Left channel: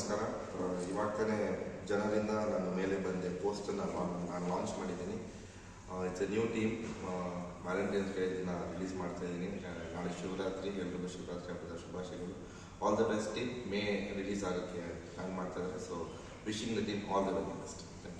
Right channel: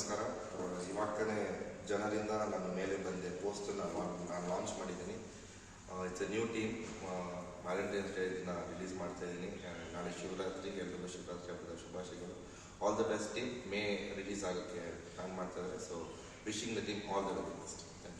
ನಮಸ್ಕಾರ. ಇವಾಗ ತಾನೇ ಜನರಿಂದ ನಾನು ಮೇಲೆ ಬಂದೆ ಪೋಸ್ಟನ್ನು ನಾನು ಲಾಂಚ್ ಮಾಡಿದ್ದೀನಿ. It's A new team. Valentine's day ದಿನ ರಿಲೀಸ್ ಮಾಡ್ತಾ ಇದ್ದೀನಿ. ನಾಳೆ ಶಿವರಾತ್ರಿ, ಎಲ್ರಿಗೂ ಶಿವರಾತ್ರಿ ಹಬ್ಬದ ಶುಭಾಶಯಗಳು. All the best team. May release ಆಗೋಕ್ಕೆ ಪ್ಲಾನ್ ಮಾಡ್ತಾ ಇದ್ದಾರೆ. So wishing the team all the very best. Thank you.